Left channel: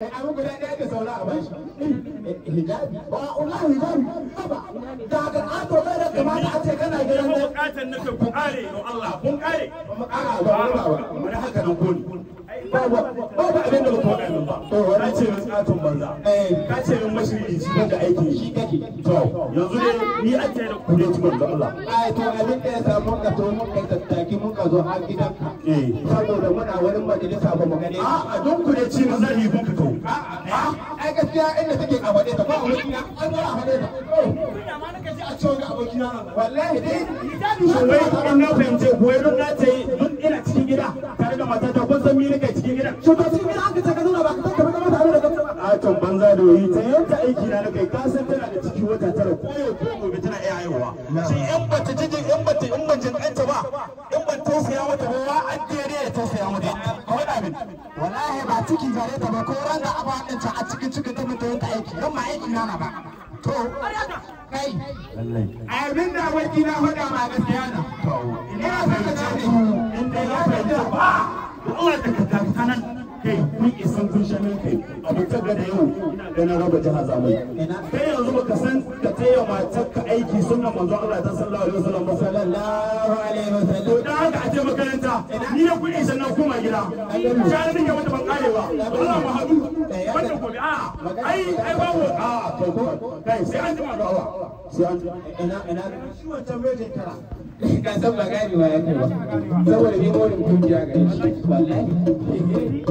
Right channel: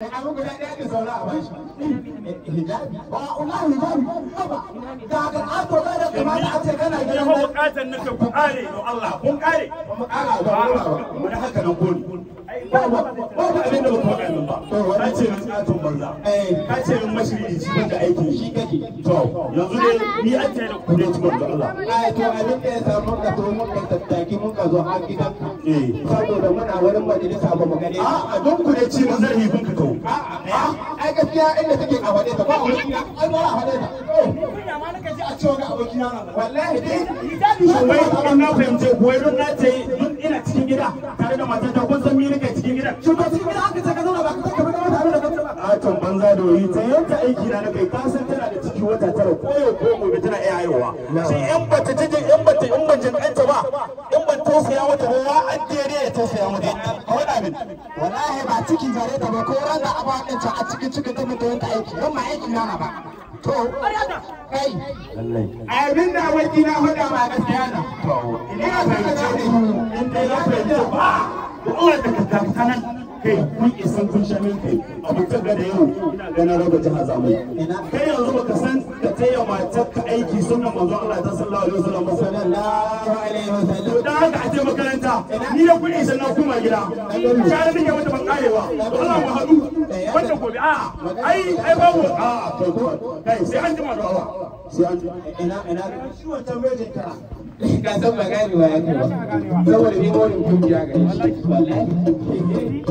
Abin guda ɗaya ke saura a bashi. Hijabi. Wallahi hijabi. Haba. Da ga ƙato ɗaya da kamata a ce kana gidan mai. Buƙatar nake ku ƙare don Allah. Kun ƙare? Ba mu ƙara ba. Wani haka nan ko ne. Ba abin da ba ku faɗa min ba. Ka ce min ƙaton banza. Ka ce min mashiri shi wanda aikin shi kake. To yanzu dai ni an tsaye da ku dai cikin da Allah. To abin da ya samu ka to mun ka tattaki mun ka zo har gidanka. Saboda muna wurin majalisa ba mu gane. A don ku dai ce mun zari kun ka kawo. Ai gaskiya inda take a wade ta ba wani ai ba a wade ta kunya ma nake ji a cewa ga abokina na wallahi dai wai in na fahimce ku wai don na ce duk ina cikin gida tare da matar da kun san mi nake cikin gida to ba cikin gida aka ce ka zauna ba ka ka zama tare da kanta ba a to banza da yi ta yanta aiki na kai ka san tana da ciki wata tara ko yau ko gobe tana iya haihuwa sai in bata jije in ban jin ɗanta ba in ban tausaya mata ba ya addere ya tausaya mata a wada min wallahi ba ciki gare ta ba ko ran da aba ɗin ta a cikin ta mutu yanta aiki don ma aiki na ba to kai abin da waki na faɗa ma gaskiya na ina son ka gane in dai ya fahimta ba Allah da ka kanan kai kun isan kun sha min kai abokan ga da yau ina ganin raba jiha zamai kai yanzu baka san ka taya matar ka aiki sunan manzo Allah ta sallallahu alaihi wasallam sallallahu alaihi wasallam dan haka a ce makaranta ni ya kuɗi sannan kuma gida share nake wata ban kare ba Allah mu hadu wanda gobe a ai babu a kai sai an jima da Allah sai an ina shi wannan mai tara ka san ba gani ba ya kai ba saboda ni mawlin kungiya ga shi wallahi